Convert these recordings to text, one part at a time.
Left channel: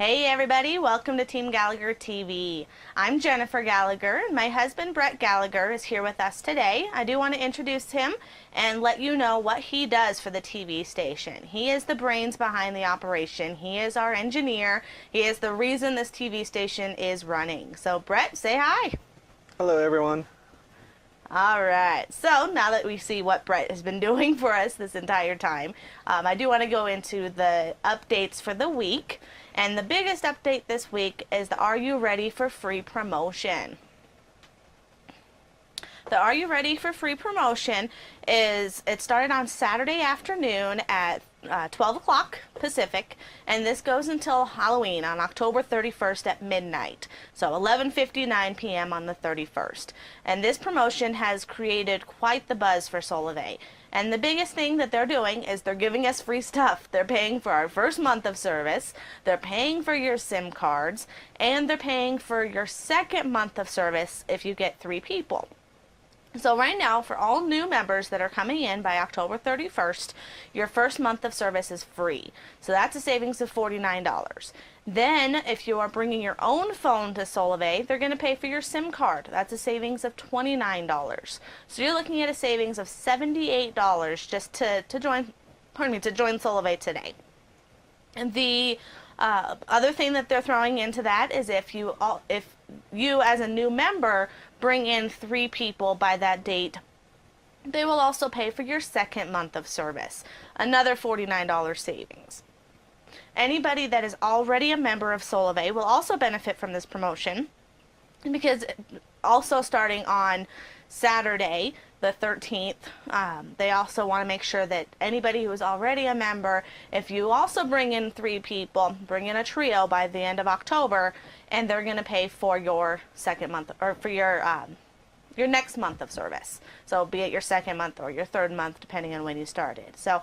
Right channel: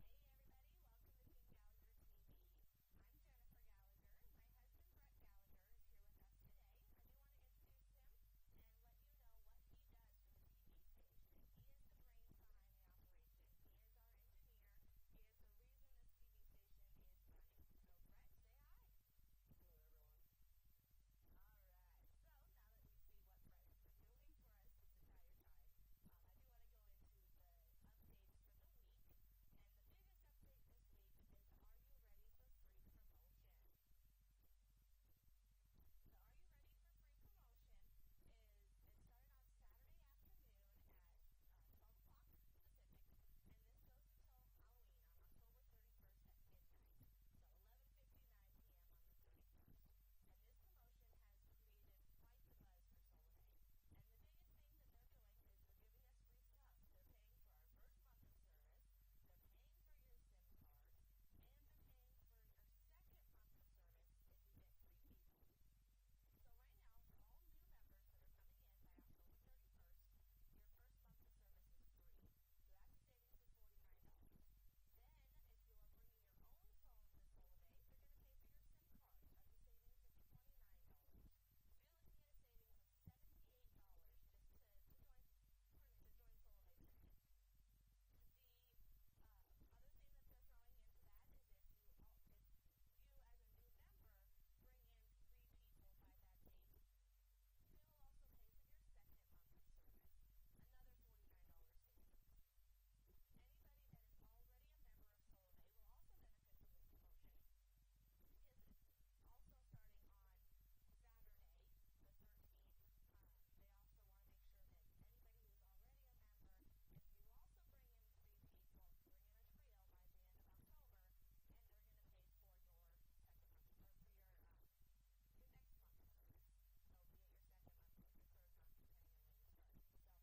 Hey everybody, welcome to Team Gallagher TV. I'm Jennifer Gallagher, and my husband Brett Gallagher is here with us today. I do want to introduce him and let you know what he does for the TV station. He is the brains behind the operation. He is our engineer. He is the reason this TV station is running. So Brett, say hi. Hello everyone. All right, so now that we see what Brett has been doing for us this entire time, I do want to go into the updates for the week. And the biggest update this week is the Are You Ready for Free promotion. The Are You Ready for Free promotion it started on Saturday afternoon at 12 o'clock Pacific, and this goes until Halloween on October 31st at midnight, so 11:59 p.m. on the 31st. And this promotion has created quite the buzz for Solavei. And the biggest thing that they're doing is they're giving us free stuff. They're paying for our first month of service, they're paying for your SIM cards, and they're paying for your second month of service if you get 3 people. So right now, for all new members that are coming in by October 31st, your first month of service is free. So that's a savings of $49. Then, if you are bringing your own phone to Solavei, they're going to pay for your SIM card. That's a savings of $29. So you're looking at a savings of $78 just to join Solavei today. And the other thing that they're throwing into that is if you as a new member bring in 3 people by that date, they will also pay for your second month of service, another $49 savings. Anybody that is already a member of Solavei will also benefit from this promotion, because also starting on Saturday the 13th, they also want to make sure that anybody who is already a member, if you also bring in 3 people, bring in a trio by the end of October, and they're going to pay for your second month, or for your next month of service. So be it your second month or your third month, depending on when you started. So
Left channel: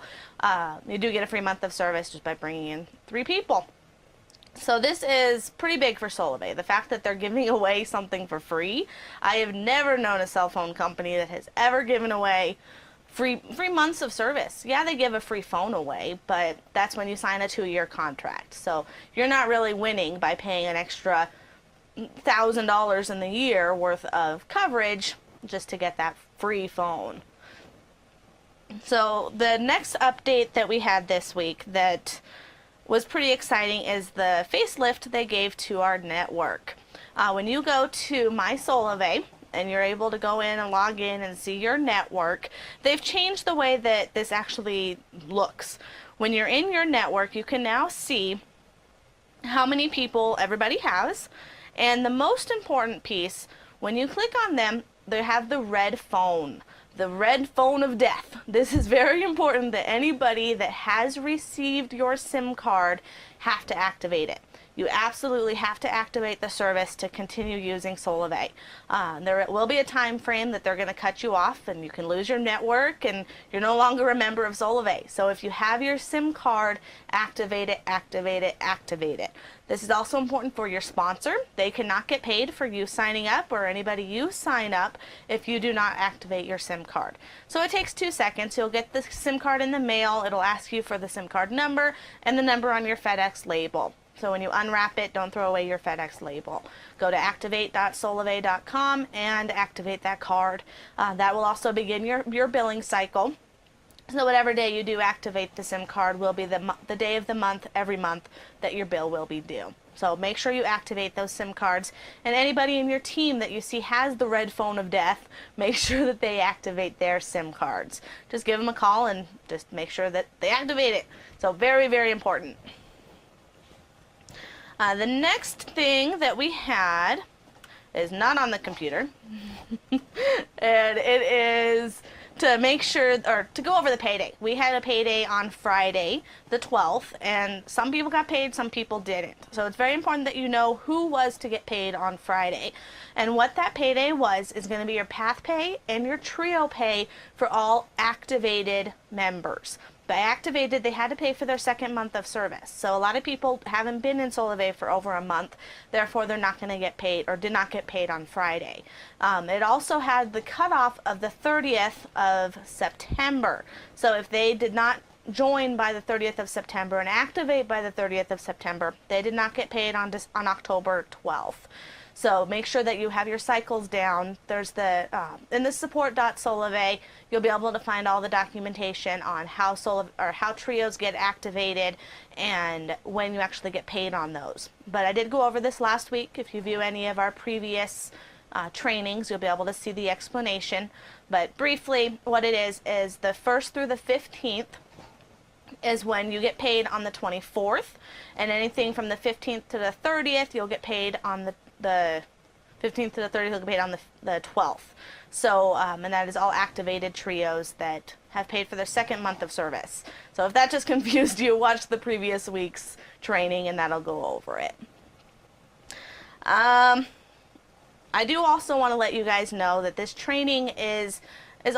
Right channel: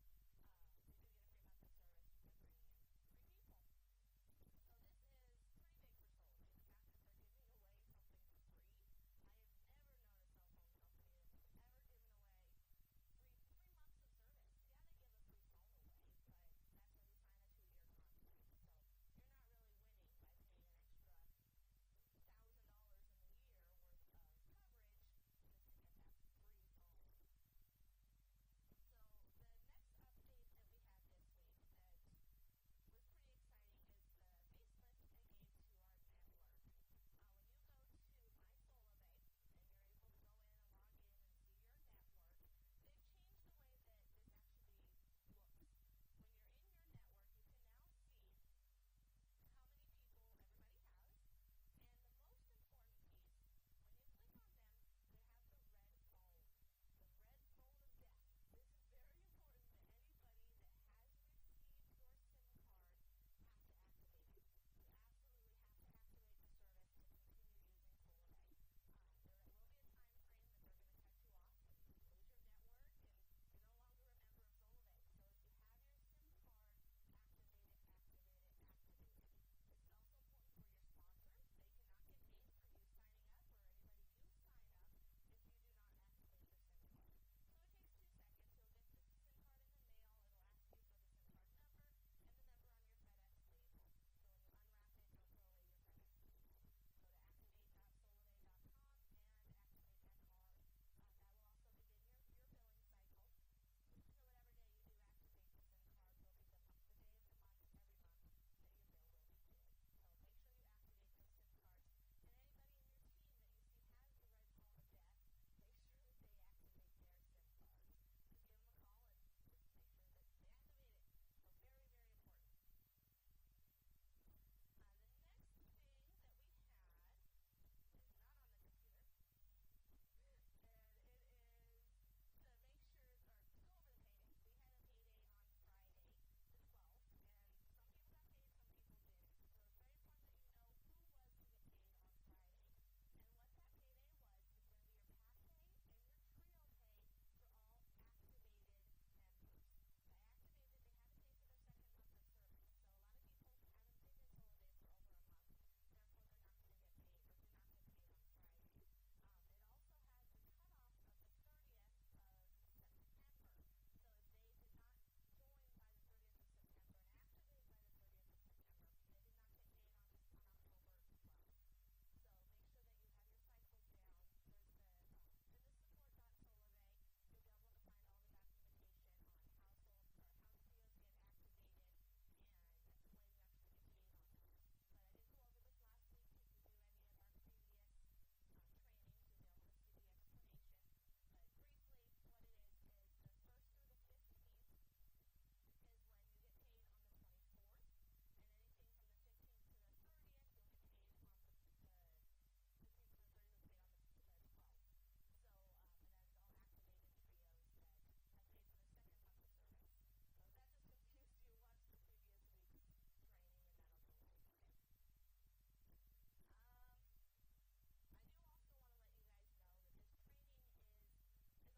you do get a free month of service just by bringing in 3 people. So this is pretty big for Solavei. The fact that they're giving away something for free. I have never known a cell phone company that has ever given away free months of service. Yeah, they give a free phone away, but that's when you sign a 2-year contract. So you're not really winning by paying an extra $1,000 in the year worth of coverage just to get that free phone. So the next update that we had this week that was pretty exciting is the facelift they gave to our network. When you go to My Solavei and you're able to go in and log in and see your network, they've changed the way that this actually looks. When you're in your network, you can now see how many people everybody has, and the most important piece, when you click on them, they have the red phone. The red phone of death. This is very important that anybody that has received your SIM card have to activate it. You absolutely have to activate the service to continue using Solavei. There will be a time frame that they're going to cut you off and you can lose your network and you're no longer a member of Solavei. So if you have your SIM card, activate it, activate it, activate it. This is also important for your sponsor. They cannot get paid for you signing up or anybody you sign up if you do not activate your SIM card. So it takes 2 seconds. You'll get the SIM card in the mail. It'll ask you for the SIM card number and the number on your FedEx label. So when you unwrap it, don't throw away your FedEx label. Go to activate.solavei.com and activate that card. That will also begin your billing cycle. So whatever day you do activate the SIM card will be the day of the month, every month, that your bill will be due. So make sure you activate those SIM cards. And anybody in your team that you see has the red phone of death, make sure that they activate their SIM cards. Just give them a call and just make sure that they activate it. So very, very important. The next thing that we had is not on the computer, and it is to make sure, or to go over the payday. We had a payday on Friday, the 12th, and some people got paid, some people didn't. So it's very important that you know who was to get paid on Friday. And what that payday was is going to be your Path Pay and your Trio Pay for all activated members. By activated, they had to pay for their second month of service. So a lot of people haven't been in Solavei for over a month, therefore they're not going to get paid, or did not get paid on Friday. It also had the cutoff of the 30th of September. So if they did not join by the 30th of September and activate by the 30th of September, they did not get paid on October 12th. So make sure that you have your cycles down. There's the in the support.solavei, you'll be able to find all the documentation on how trios get activated and when you actually get paid on those. But I did go over this last week. If you view any of our previous trainings, you'll be able to see the explanation. But briefly, what it is the 1st through the 15th is when you get paid on the 24th, and anything from the 15th to the 30th, you'll get paid on the 15th to the 30th, you'll get paid on the 12th. So, and that is all activated trios that have paid for their second month of service. So if that just confused you, watch the previous week's training and that'll go over it. I do also want to let you guys know that this training is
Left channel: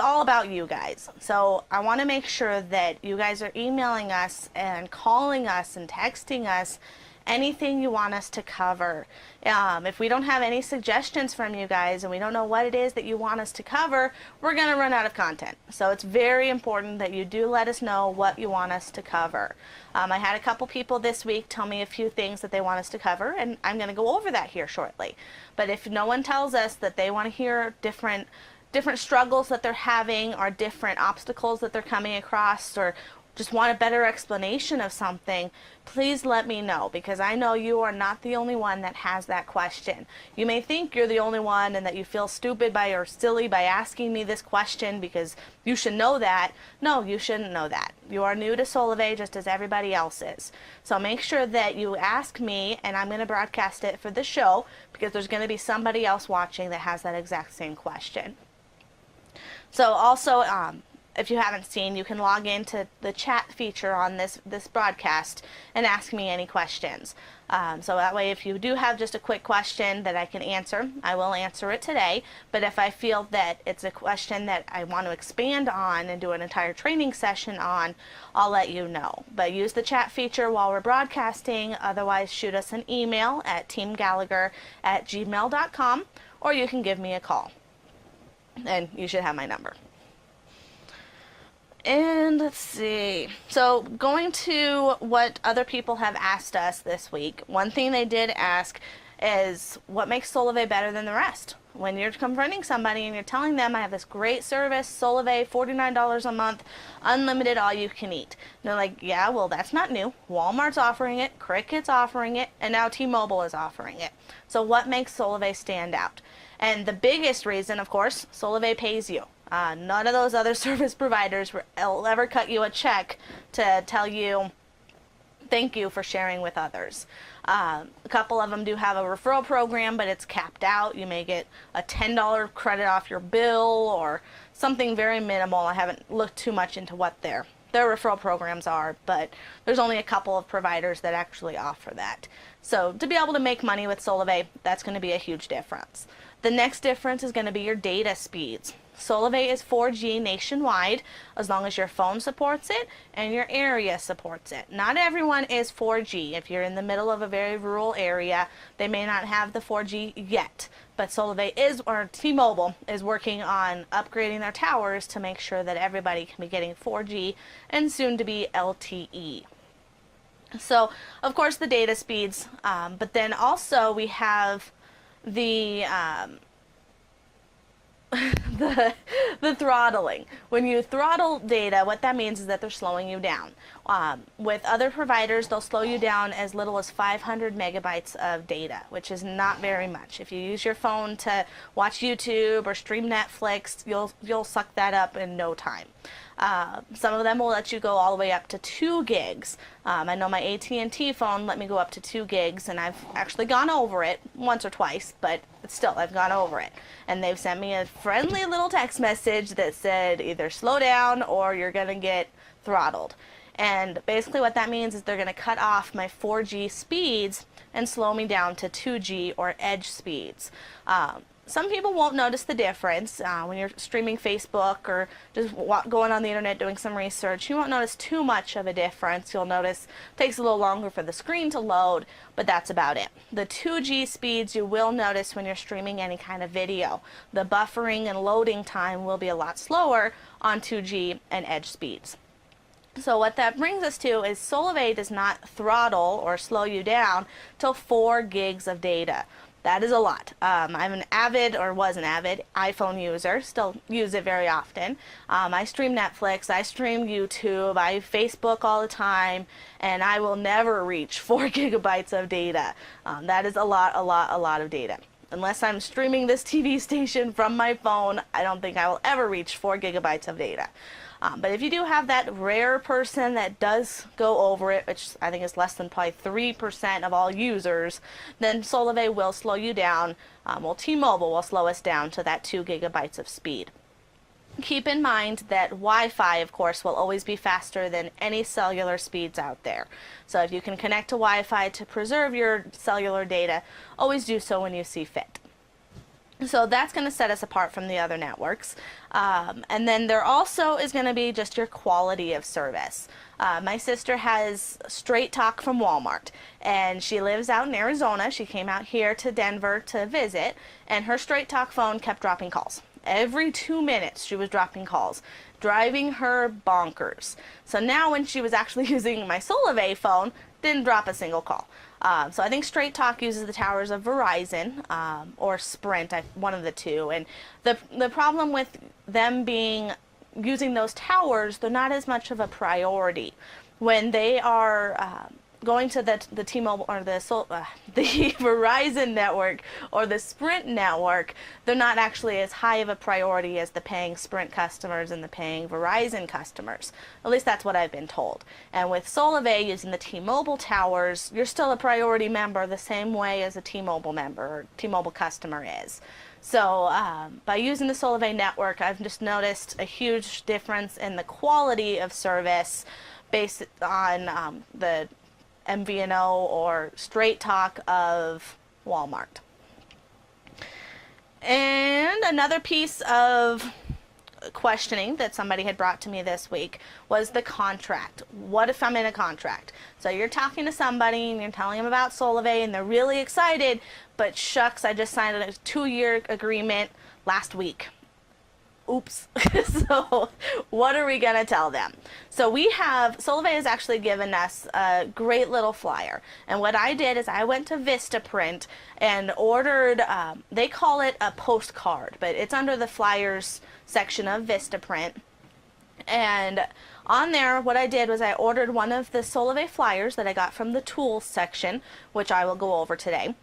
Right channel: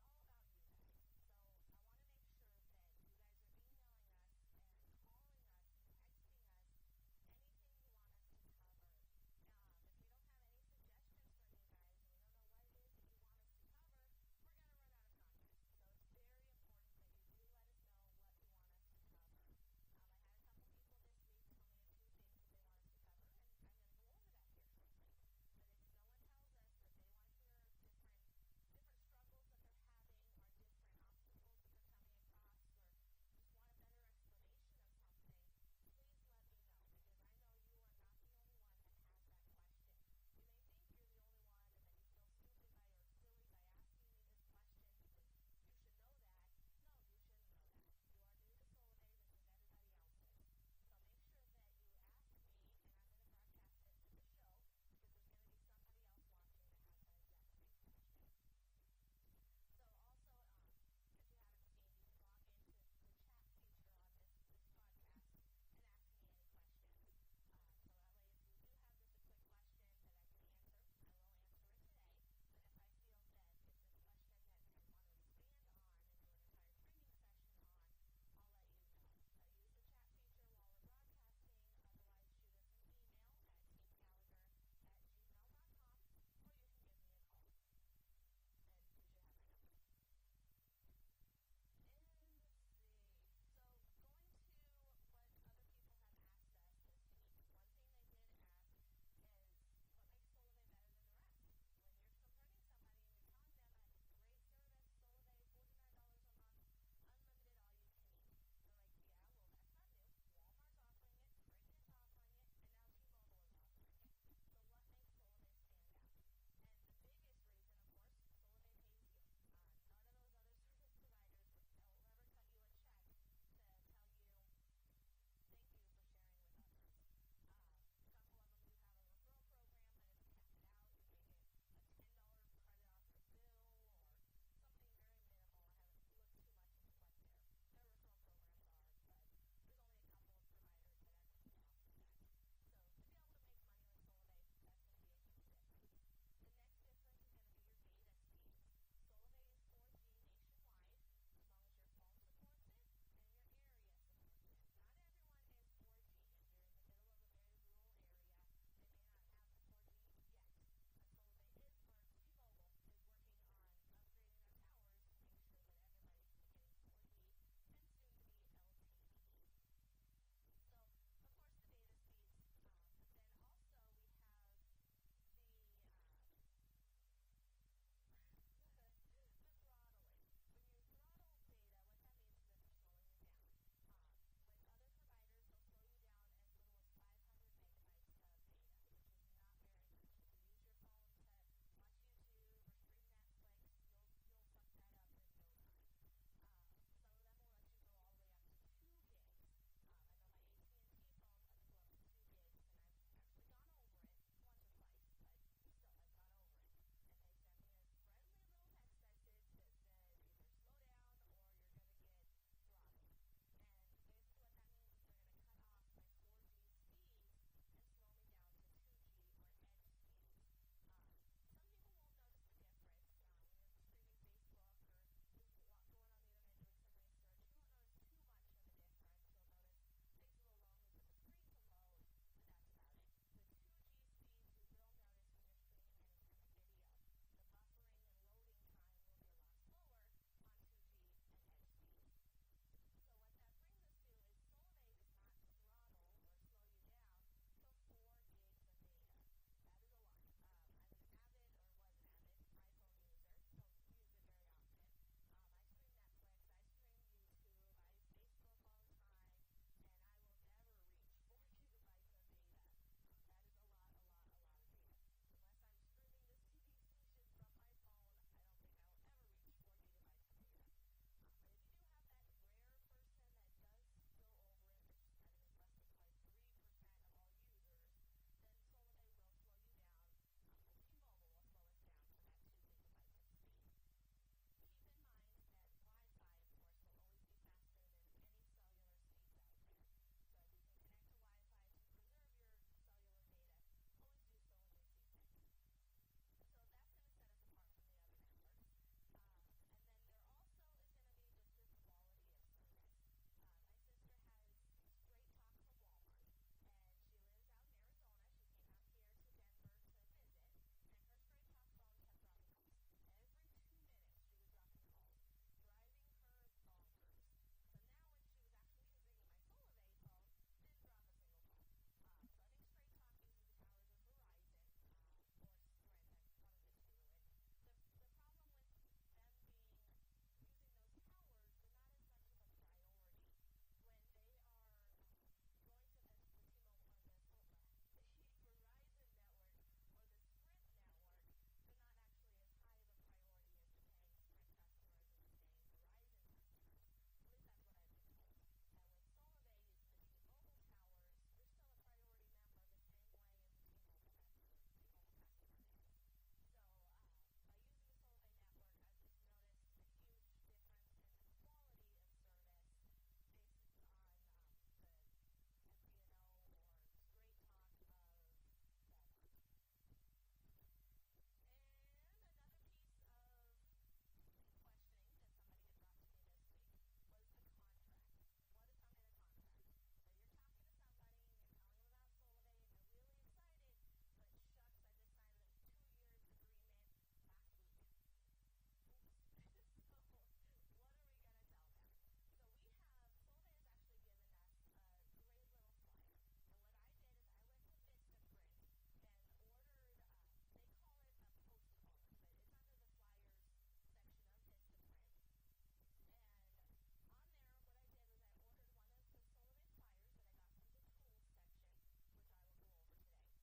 all about you guys. So I want to make sure that you guys are emailing us and calling us and texting us anything you want us to cover. If we don't have any suggestions from you guys and we don't know what it is that you want us to cover, we're going to run out of content. So it's very important that you do let us know what you want us to cover. I had a couple people this week tell me a few things that they want us to cover, and I'm going to go over that here shortly. But if no one tells us that they want to hear different struggles that they're having or different obstacles that they're coming across, or just want a better explanation of something, please let me know, because I know you are not the only one that has that question. You may think you're the only one and that you feel stupid or silly by asking me this question because you should know that. No, you shouldn't know that. You are new to Solavei just as everybody else is. So make sure that you ask me, and I'm going to broadcast it for the show because there's going to be somebody else watching that has that exact same question. So also, if you haven't seen, you can log into the chat feature on this broadcast and ask me any questions. So that way, if you do have just a quick question that I can answer, I will answer it today. But if I feel that it's a question that I want to expand on and do an entire training session on, I'll let you know. But use the chat feature while we're broadcasting. Otherwise, shoot us an email at teamgallagher@gmail.com, or you can give me a call. And you should have my number. And let's see. So going to what other people have asked us this week, one thing they did ask is what makes Solavei better than the rest? When you're confronting somebody and you're telling them, I have this great service, Solavei, $49 a month, unlimited all you can eat. And they're like, yeah, well, that's not new. Walmart's offering it, Cricket's offering it, and now T-Mobile is offering it. So what makes Solavei stand out? And the biggest reason, of course, Solavei pays you. None of those other service providers will ever cut you a check to tell you thank you for sharing with others. A couple of them do have a referral program, but it's capped out. You may get a $10 credit off your bill or something very minimal. I haven't looked too much into what their referral programs are, but there's only a couple of providers that actually offer that. So to be able to make money with Solavei, that's going to be a huge difference. The next difference is going to be your data speeds. Solavei is 4G nationwide as long as your phone supports it and your area supports it. Not everyone is 4G. If you're in the middle of a very rural area, they may not have the 4G yet. But Solavei or T-Mobile is working on upgrading their towers to make sure that everybody can be getting 4G and soon to be LTE. So, of course, the data speeds, but then also we have the the throttling. When you throttle data, what that means is that they're slowing you down. With other providers, they'll slow you down as little as 500 megabytes of data, which is not very much. If you use your phone to watch YouTube or stream Netflix, you'll suck that up in no time. Some of them will let you go all the way up to 2 gigs. I know my AT&T phone let me go up to 2 gigs, and I've actually gone over it once or twice, but still, I've gone over it. And they've sent me a friendly little text message that said either slow down or you're going to get throttled. And basically what that means is they're going to cut off my 4G speeds and slow me down to 2G or edge speeds. Some people won't notice the difference when you're streaming Facebook or just going on the internet doing some research. You won't notice too much of a difference. You'll notice it takes a little longer for the screen to load, but that's about it. The 2G speeds you will notice when you're streaming any kind of video. The buffering and loading time will be a lot slower on 2G and edge speeds. So what that brings us to is Solavei does not throttle or slow you down till 4 gigs of data. That is a lot. I'm an avid, or was an avid, iPhone user, still use it very often. I stream Netflix, I stream YouTube, I Facebook all the time, and I will never reach 4 gigabytes of data. That is a lot of data. Unless I'm streaming this TV station from my phone, I don't think I will ever reach 4 gigabytes of data. But if you do have that rare person that does go over it, which I think is less than probably 3% of all users, then Solavei will slow you down. Well, T-Mobile will slow us down to that 2 gigabytes of speed. Keep in mind that Wi-Fi, of course, will always be faster than any cellular speeds out there. So if you can connect to Wi-Fi to preserve your cellular data, always do so when you see fit. So that's going to set us apart from the other networks. And then there also is going to be just your quality of service. My sister has Straight Talk from Walmart, and she lives out in Arizona. She came out here to Denver to visit, and her Straight Talk phone kept dropping calls. Every 2 minutes she was dropping calls, driving her bonkers. So now when she was actually using my Solavei phone, didn't drop a single call. So I think Straight Talk uses the towers of Verizon or Sprint, one of the two. And the problem with them using those towers, they're not as much of a priority. When they are going to the T-Mobile or the Verizon network or the Sprint network, they're not actually as high of a priority as the paying Sprint customers and the paying Verizon customers. At least that's what I've been told. And with Solavei using the T-Mobile towers, you're still a priority member the same way as a T-Mobile member or T-Mobile customer is. So by using the Solavei network, I've just noticed a huge difference in the quality of service based on the MVNO or Straight Talk of Walmart. And another piece of questioning that somebody had brought to me this week was the contract. What if I'm in a contract? So you're talking to somebody and you're telling them about Solavei and they're really excited, but shucks, I just signed a 2-year agreement last week. Oops. So what are we going to tell them? So Solavei has actually given us a great little flyer. And what I did is I went to Vistaprint and ordered, they call it a postcard, but it's under the flyers section of Vistaprint. And on there, what I did was I ordered one of the Solavei flyers that I got from the tools section, which I will go over today.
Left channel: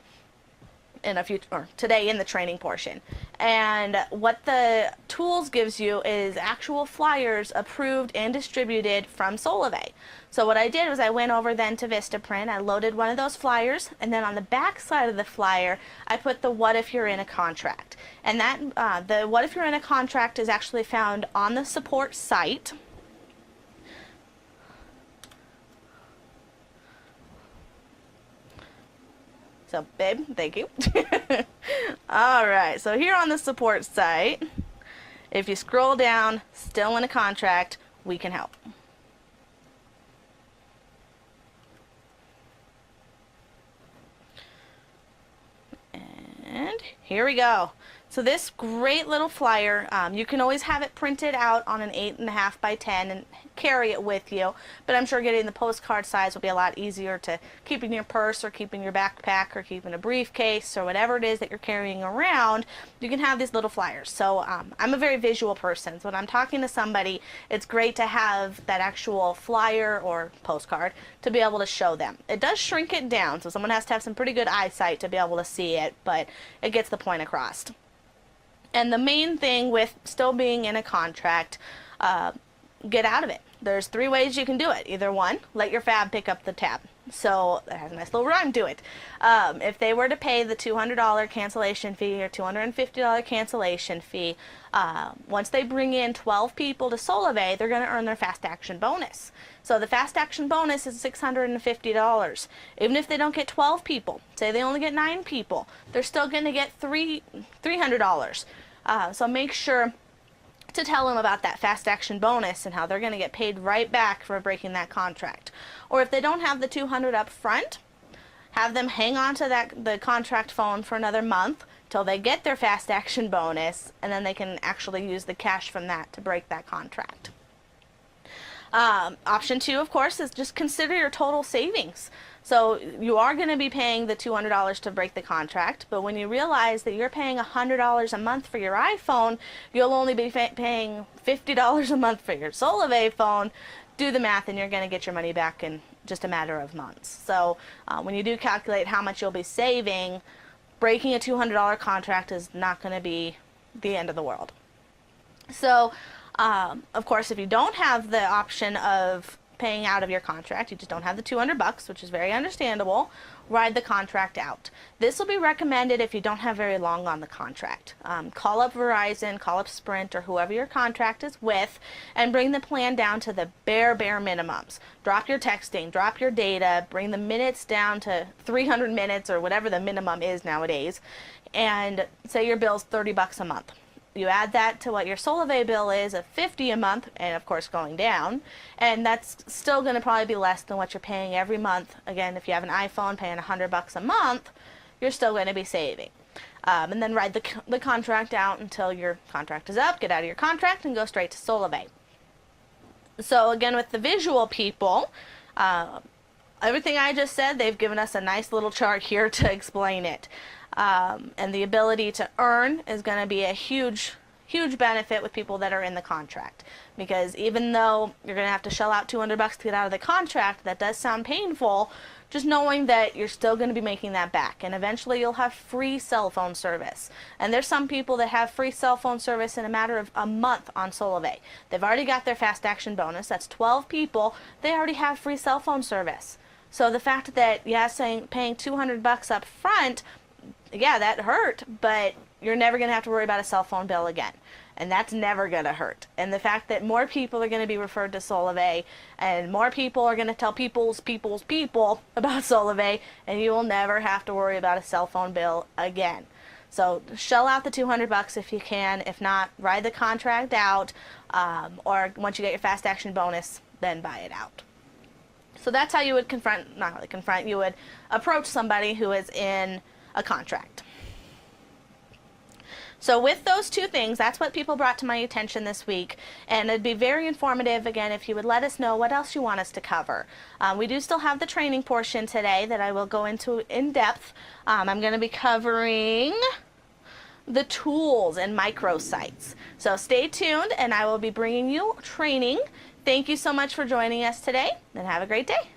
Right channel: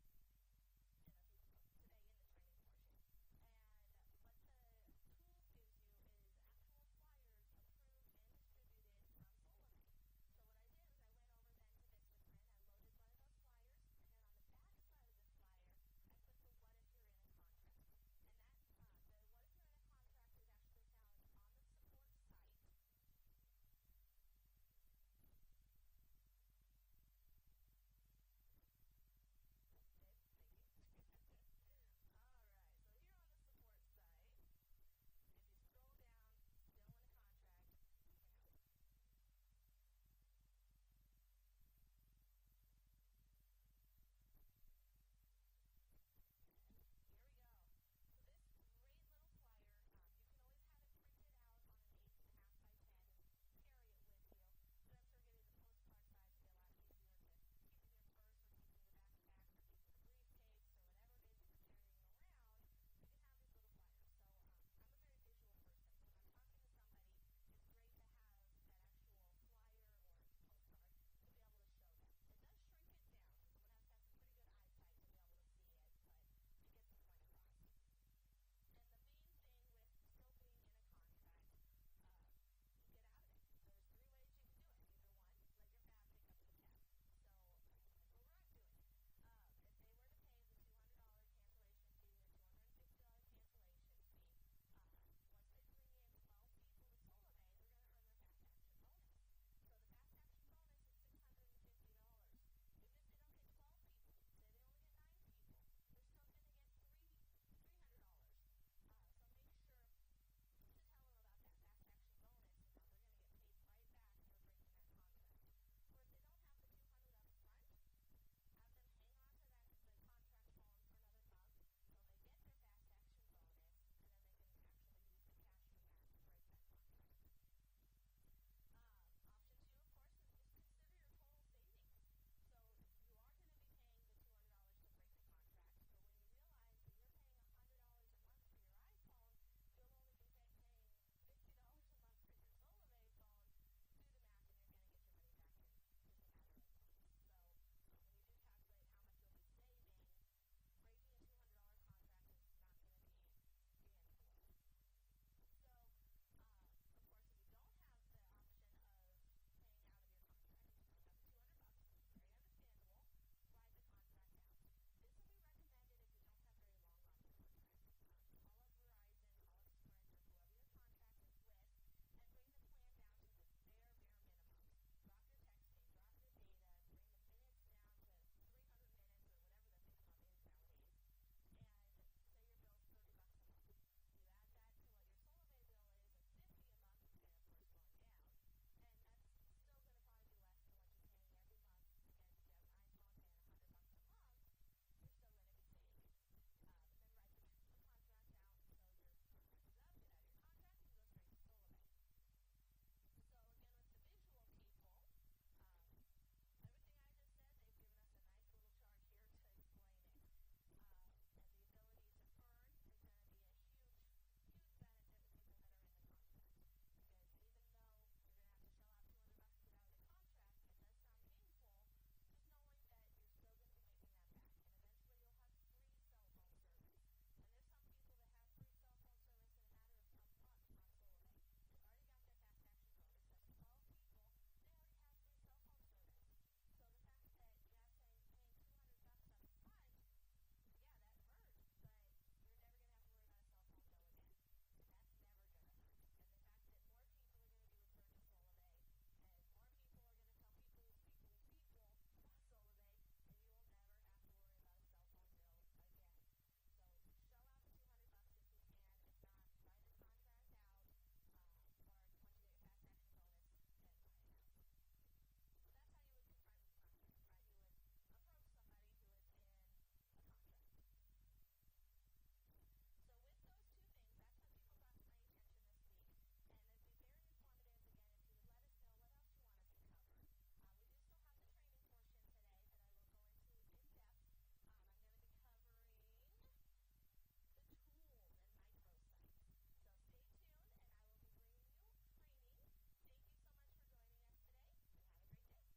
Today in the training portion. And what the tools gives you is actual flyers approved and distributed from Solavei. So what I did was I went over then to Vistaprint, I loaded one of those flyers, and then on the back side of the flyer I put the what if you're in a contract. And that the what if you're in a contract is actually found on the support site. So, babe, thank you. All right, so here on the support site, if you scroll down, still in a contract, we can help. And here we go. So this great little flyer, you can always have it printed out on an 8.5 by 10 and carry it with you, but I'm sure getting the postcard size will be a lot easier to keep in your purse or keep in your backpack or keep in a briefcase or whatever it is that you're carrying around. You can have these little flyers. So I'm a very visual person, so when I'm talking to somebody, it's great to have that actual flyer or postcard to be able to show them. It does shrink it down, so someone has to have some pretty good eyesight to be able to see it, but it gets the point across. And the main thing with still being in a contract, get out of it. There's 3 ways you can do it. Either one, let your fab pick up the tab. So it has a nice little rhyme to it. If they were to pay the $200 cancellation fee or $250 cancellation fee, once they bring in 12 people to Solavei, they're going to earn their fast action bonus. So the fast action bonus is $650. Even if they don't get 12 people, say they only get 9 people, they're still going to get $300. So make sure to tell them about that fast action bonus and how they're going to get paid right back for breaking that contract. Or if they don't have the $200 up front, have them hang on to the contract phone for another month till they get their fast action bonus, and then they can actually use the cash from that to break that contract. Option two, of course, is just consider your total savings. So you are going to be paying the $200 to break the contract, but when you realize that you're paying $100 a month for your iPhone, you'll only be paying $50 a month for your Solavei phone. Do the math and you're going to get your money back in just a matter of months. So when you do calculate how much you'll be saving, breaking a $200 contract is not going to be the end of the world. So of course, if you don't have the option of paying out of your contract, you just don't have the $200, which is very understandable, ride the contract out. This will be recommended if you don't have very long on the contract. Call up Verizon, call up Sprint, or whoever your contract is with, and bring the plan down to the bare minimums. Drop your texting, drop your data, bring the minutes down to 300 minutes or whatever the minimum is nowadays, and say your bill's $30 a month. You add that to what your Solavei bill is of $50 a month, and of course going down, and that's still going to probably be less than what you're paying every month. Again, if you have an iPhone paying $100 a month, you're still going to be saving. And then ride the contract out until your contract is up, get out of your contract, and go straight to Solavei. So again, with the visual people, everything I just said, they've given us a nice little chart here to explain it. And the ability to earn is going to be a huge benefit with people that are in the contract, because even though you're going to have to shell out $200 to get out of the contract, that does sound painful, just knowing that you're still going to be making that back, and eventually you'll have free cell phone service. And there's some people that have free cell phone service in a matter of a month on Solavei. They've already got their fast action bonus. That's 12 people. They already have free cell phone service. So the fact that, yeah, paying $200 up front, yeah, that hurt, but you're never going to have to worry about a cell phone bill again. And that's never going to hurt. And the fact that more people are going to be referred to Solavei, and more people are going to tell people about Solavei, and you will never have to worry about a cell phone bill again. So shell out the $200 if you can. If not, ride the contract out, or once you get your fast action bonus, then buy it out. So that's how you would you would approach somebody who is in a contract. So with those two things, that's what people brought to my attention this week, and it'd be very informative, again, if you would let us know what else you want us to cover. We do still have the training portion today that I will go into in depth. I'm going to be covering the tools and microsites. So stay tuned, and I will be bringing you training. Thank you so much for joining us today, and have a great day.